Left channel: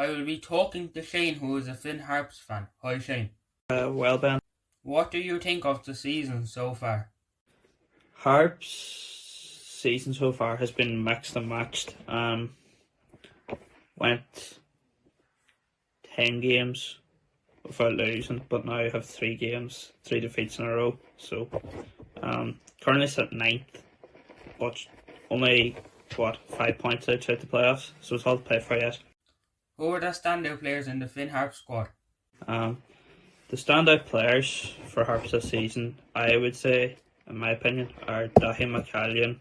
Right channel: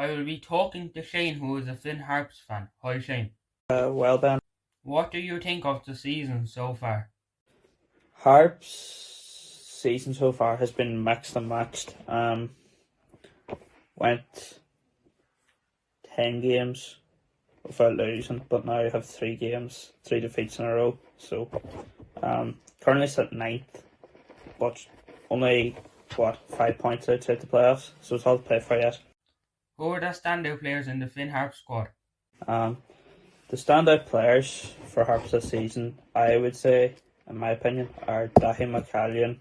I will be talking to Shane, who is a Finn Harps fan. Hi Shane. Well, Ben, What do you think of the season so far? Harps' season so far has been mixed and matched. Went 10 games without losing, but now have 3 games, 3 defeats in a row. So, currently sit ninth, but only 5 points outside the playoffs. So it's all to play for yet. Who are the standout players in the Finn Harps squad? The standout players for Harps this season, I would say, in my opinion, are Dahi McCallion,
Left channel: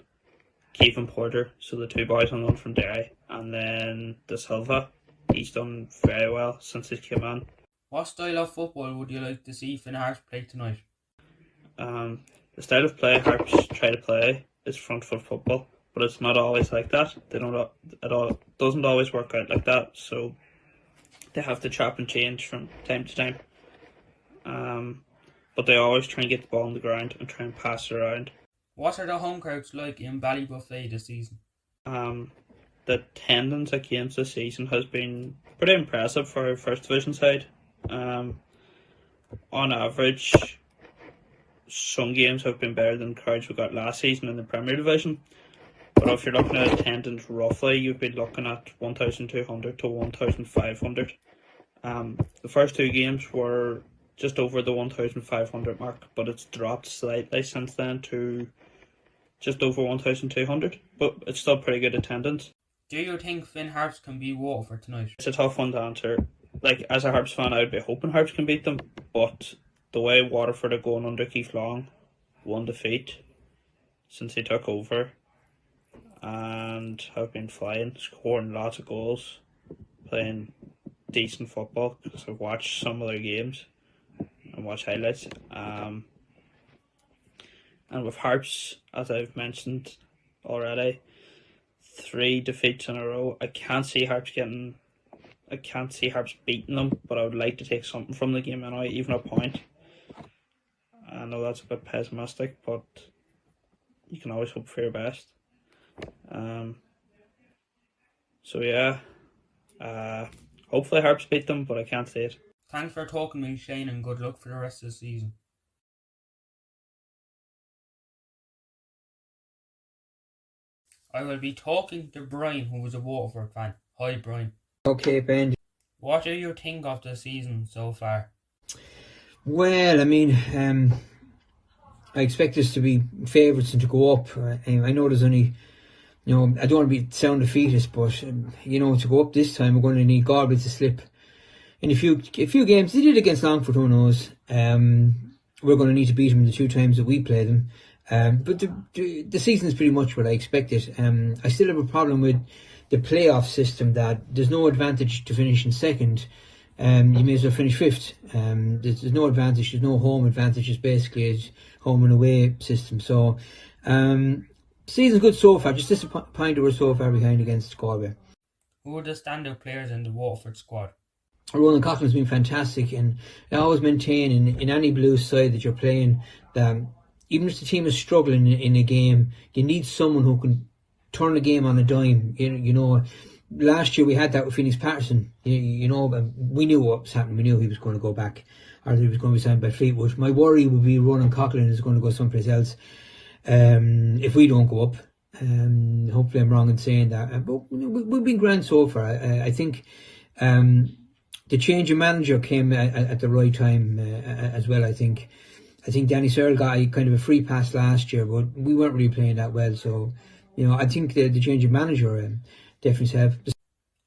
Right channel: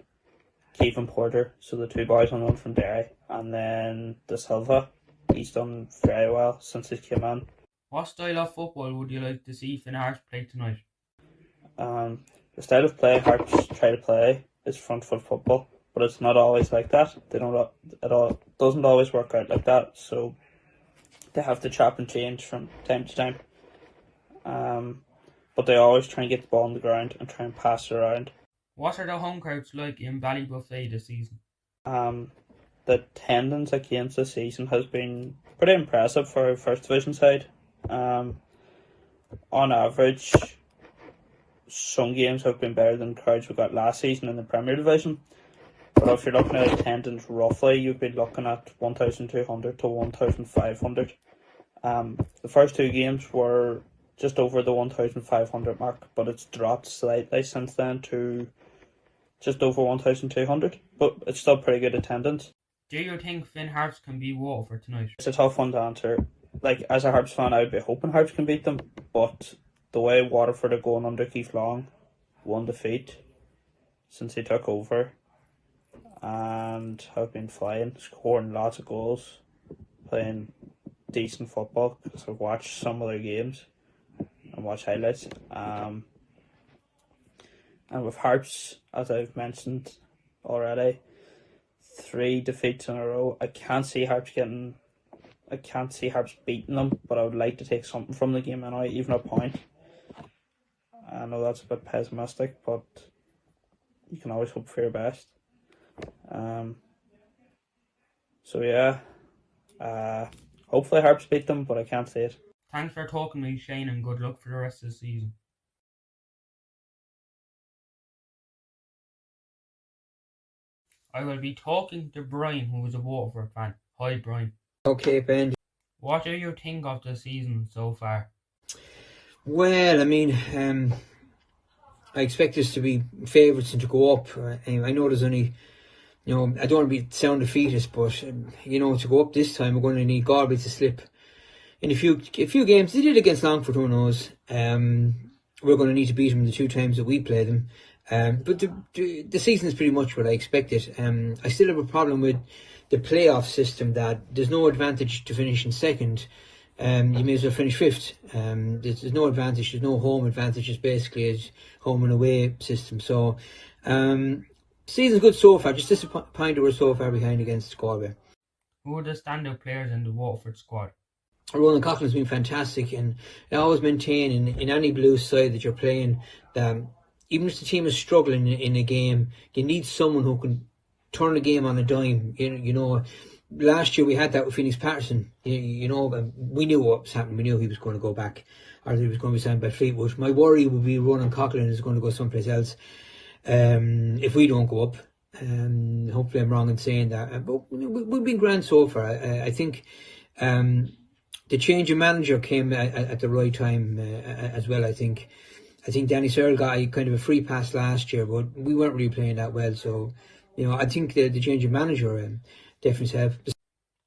Kevin Porter, so the two boys on loan from Derry, and then De Silva. He's done very well since he came on. What style of football would you like to see Finn Harps play tonight? The style of play Harps try to play is front foot football, but it's not always like that. It doesn't always work out like that, so they have to chop and change from time to time. But they always try and get the ball on the ground and try and pass it around. What are the home crowds like in Ballybuffet this season? The attendance at games this season has been pretty impressive for our first division side. On average, some games have been better than crowds we got last season in the Premier Division. But if you're looking at attendance roughly, you'd be looking at 1,200 to 1,500. The first 2 games were just over the 1,500 mark, but it's dropped slightly since then to just over 1,200. But it's still pretty good attendance. Do you think Finn Harps can beat Waterford tonight? It's a tough one to answer. Like, as a Harps fan, I would be hoping Harps can beat them, but the way Waterford are going under Keith Long, 1 defeat since he took over, and have been flying, scoring lots of goals, playing decent football, because I've watched some of their games and watch highlights. And with Harps, as I've mentioned already, 3 defeats in a row. I can't see Harps beating them, but I would like to take something from the game anyway, even a point. I know that's a bit pessimistic, but you can always hope for your best. So yeah, hopefully Harps beat them, but I can't see it. Thanks for talking to me, Shane, and good luck for the rest of the season. I will be talking to Brian, who is a Waterford fan. Hi, Brian. Okay, Ben. What do you think of the season so far? Well, I mean, I expect us to be favourites and to go up. I know there's only, I don't want to sound defeatist, but to go up this time, we're going to need Galway to slip. In a few games, they did against Longford, who knows. We're going to need to beat them the 2 times that we play them. But the season is pretty much what I expected. I still have a problem with the playoff system, that there's no advantage to finishing second. You may as well finish 5th. There's no advantage, there's no home advantage. It's basically a home and away system. So, season's good so far. Just disappointed we're so far behind against Galway. Who are the standout players in the Waterford squad? Ronan Coughlin's been fantastic, and I always maintain in any Blues side that you're playing that even if the team is struggling in a game, you need someone who can turn the game on a dime. Last year we had that with Phoenix Patterson. We knew what was happening. We knew he was going to go back, or he was going to be signed by Fleetwood. My worry would be Ronan Coughlin is going to go someplace else if we don't go up. Hopefully I'm wrong in saying that. But we've been grand so far. I think the change of manager came at the right time as well. I think Danny Searle got kind of a free pass last year, but we weren't really playing that well. So, I think the change of manager definitely helped.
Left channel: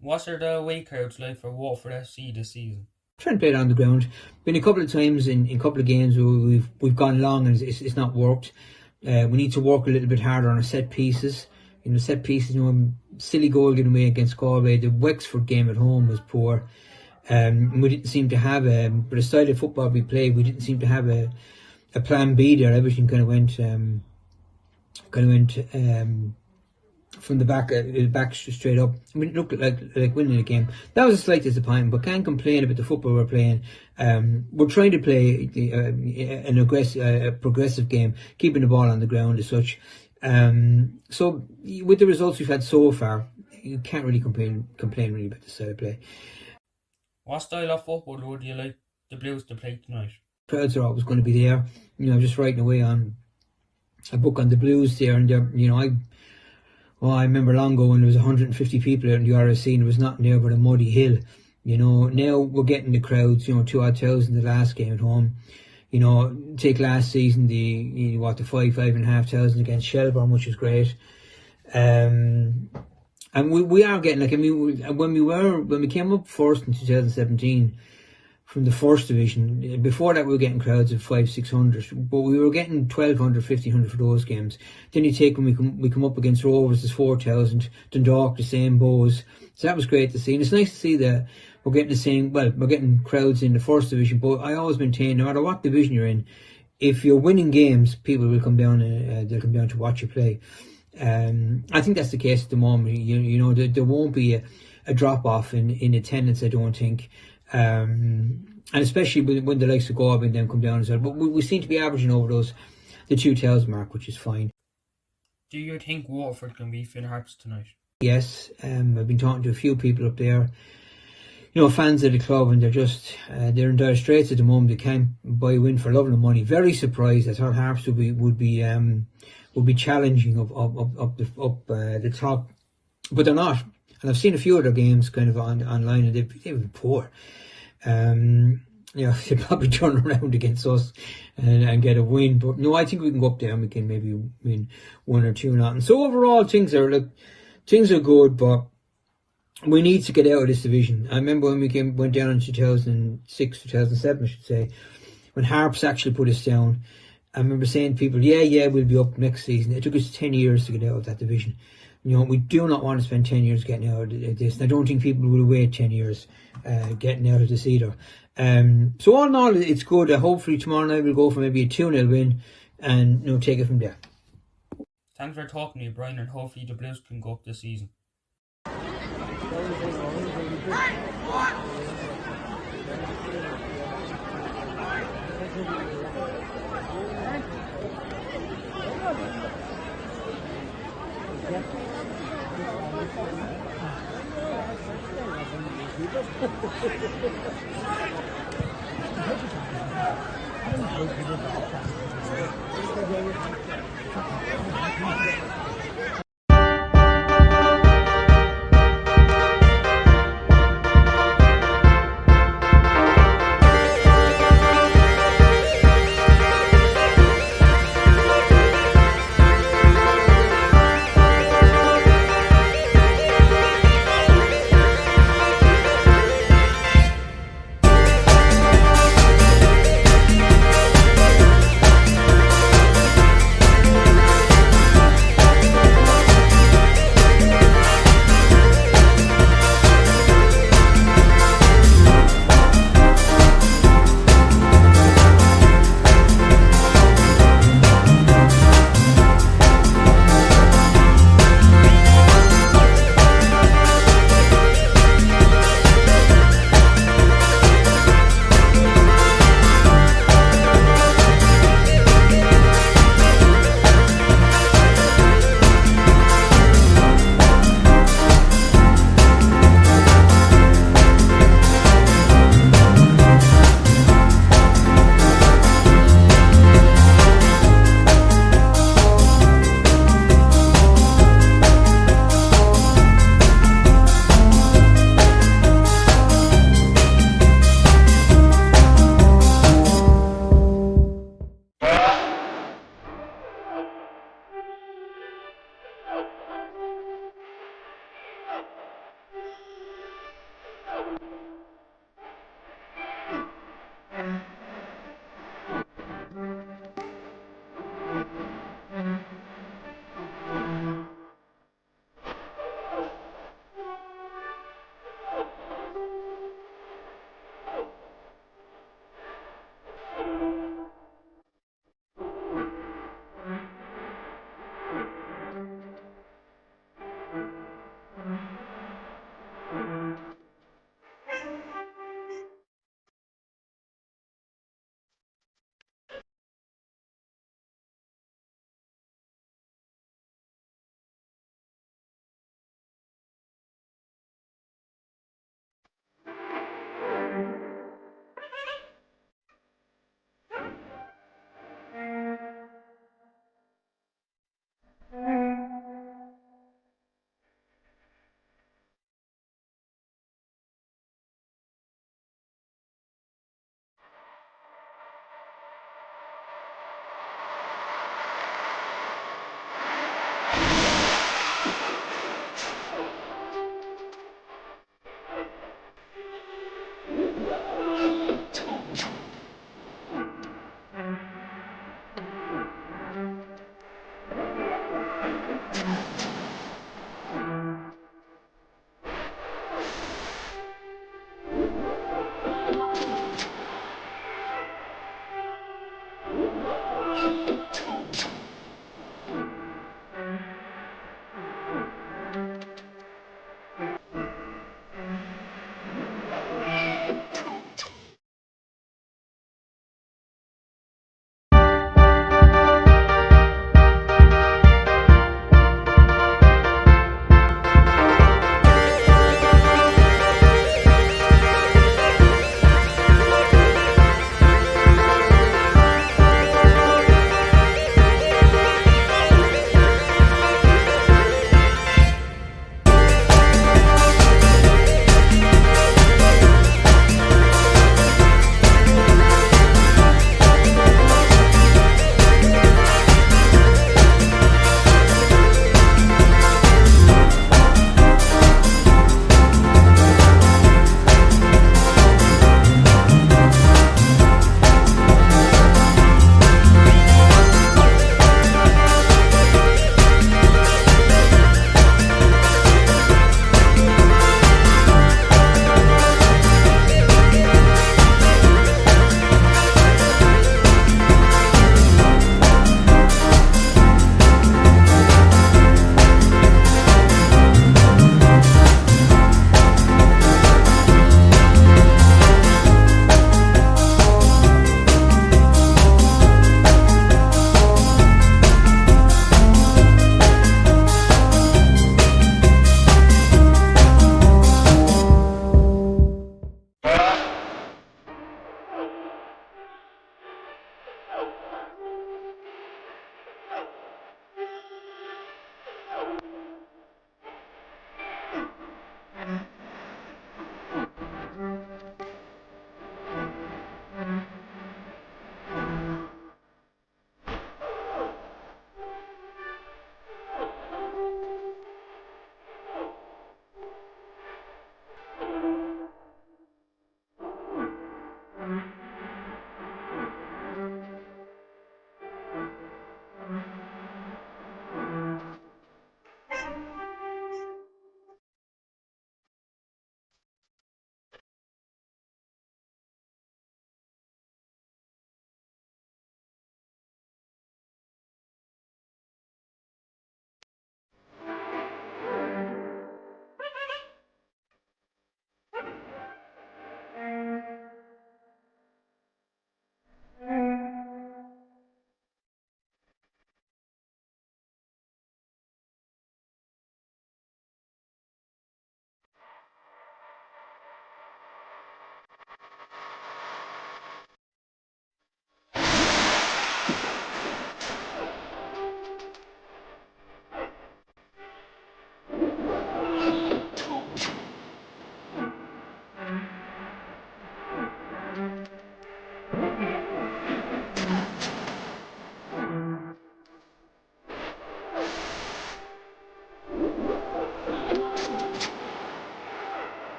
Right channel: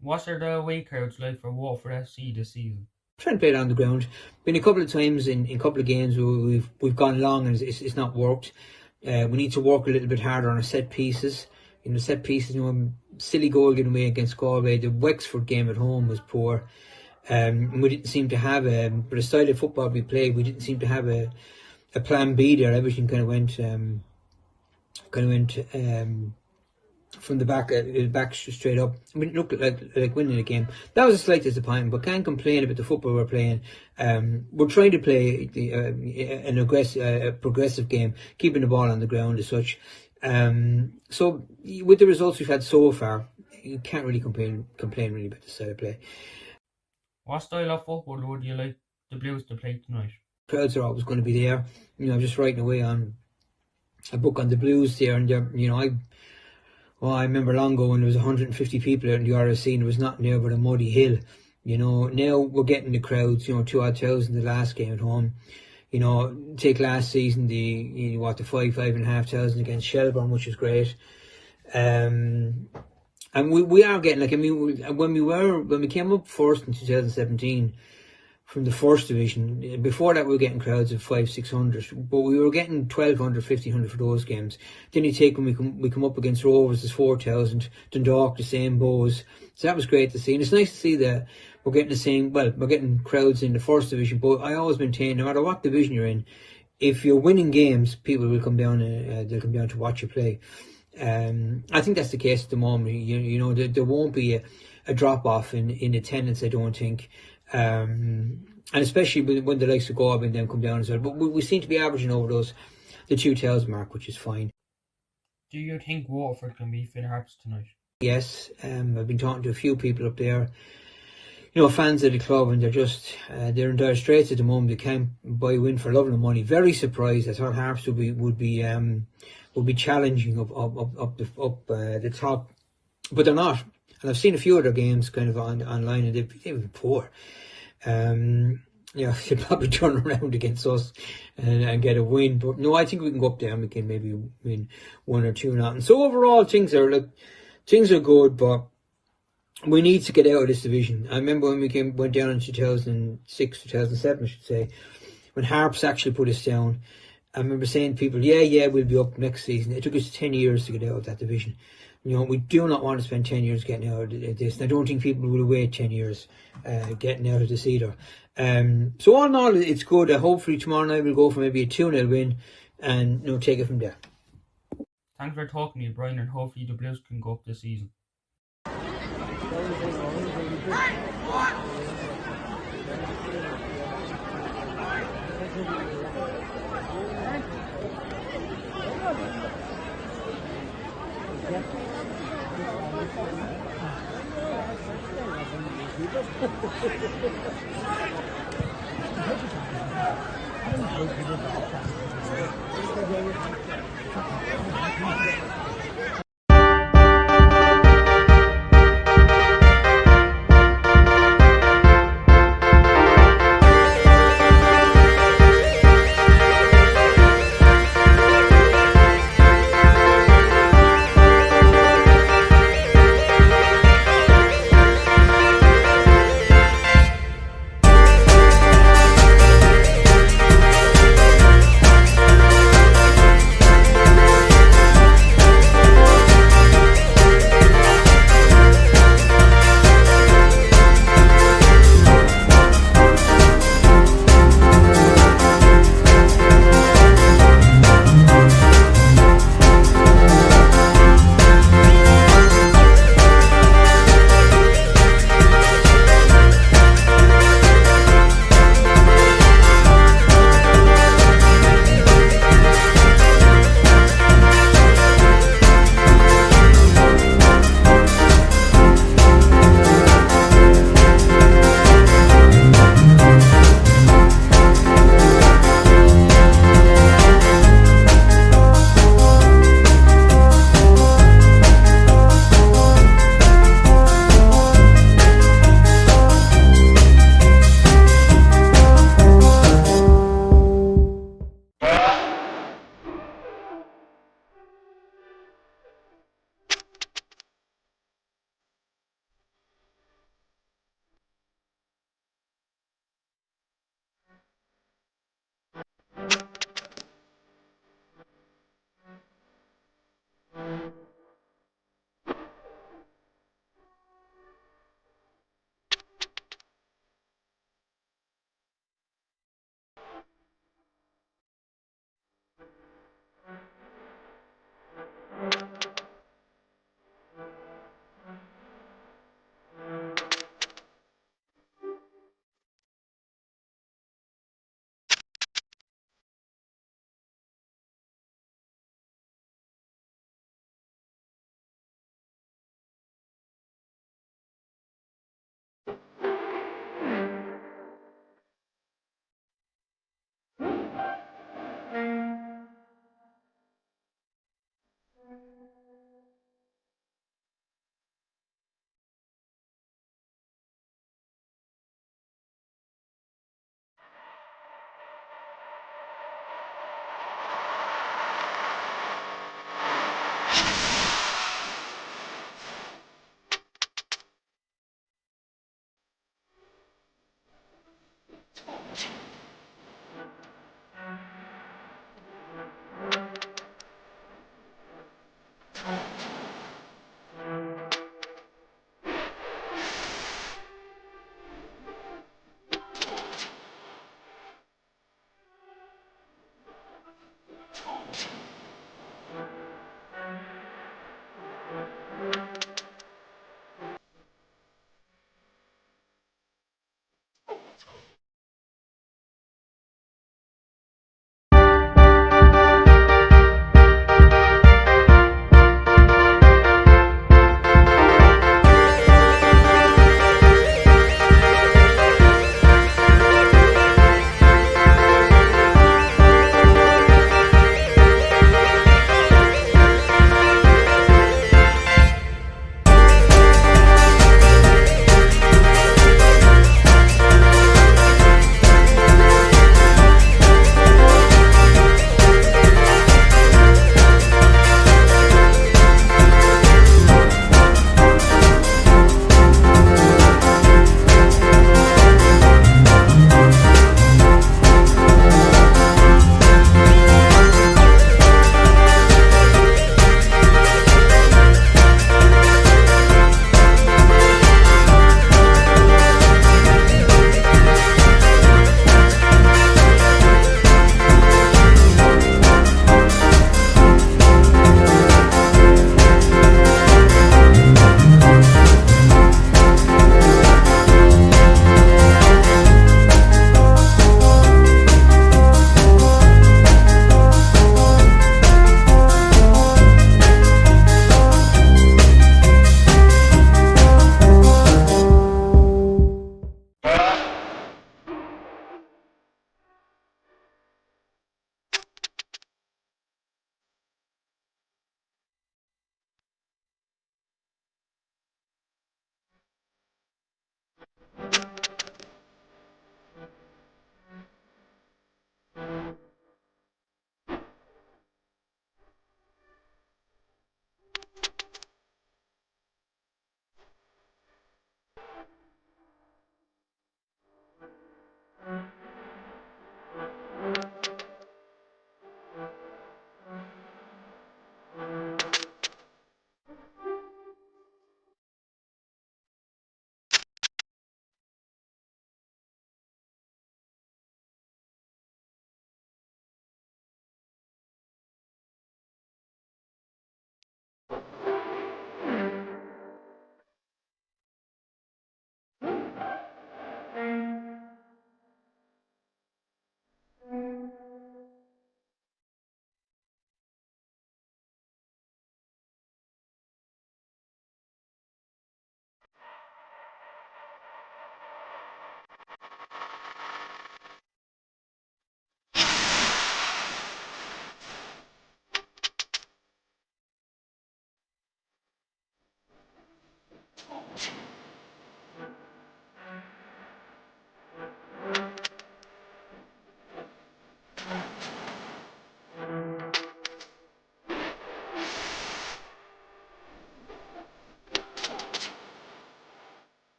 What are the away crowds like for Waterford FC this season? Trying to play it on the ground. Been a couple of times in a couple of games we've gone long and it's not worked. We need to work a little bit harder on our set pieces. Set pieces. Silly goal given away against Galway. The Wexford game at home was poor. We didn't seem to have for the style of football we played, we didn't seem to have a plan B there. Everything kind of went from the back straight up. I mean, it looked like winning the game. That was a slight disappointment, but can't complain about the football we're playing. We're trying to play a progressive game, keeping the ball on the ground as such. So with the results we've had so far, you can't really complain really about the style of play. What style of football would you like the Blues to play tonight? Crowds are always going to be there. I'm just writing away on a book on the Blues there, and I remember long ago when there was 150 people out in the RSC and it was nothing there but a muddy hill. Now we're getting the crowds, 2,000 the last game at home. Take last season, the 5,500 against Shelbourne, which is great. And we are getting, when we came up first in 2017 from the first division, before that we were getting crowds of 500-600, but we were getting 1,200, 1,500 for those games. Then you take when we come up against Rovers, there's 4,000, Dundalk the same, Bows. So that was great to see, and it's nice to see that we're getting the same. Well, we're getting crowds in the first division, but I always maintain, no matter what division you're in, if you're winning games, people will come down. They'll come down to watch you play. I think that's the case at the moment. There won't be a drop off in attendance, I don't think. And especially when the likes of Galway and them come down as well. But we seem to be averaging over the 2,000 mark, which is fine. Do you think Waterford can beat Harps tonight? Yes, I've been talking to a few people up there, fans of the club, and they're in dire straits at the moment. They can't buy a win for love and money. Very surprised. I thought Harps would be challenging up the top, but they're not. And I've seen a few of their games kind of online, and they've been poor. They probably turn around against us and get a win. But no, I think we can go up there and we can maybe win 1 or 2 nothing. So overall, things are good, but we need to get out of this division. I remember when we went down in 2006, 2007, I should say, when Harps actually put us down. I remember saying to people, we'll be up next season. It took us 10 years to get out of that division. We do not want to spend 10 years getting out of this. And I don't think people will wait 10 years getting out of this either. So all in all, it's good. Hopefully tomorrow night we'll go for maybe a 2-0 win and take it from there. Thanks for talking to you, Brian, and hopefully the Blues can go up this season.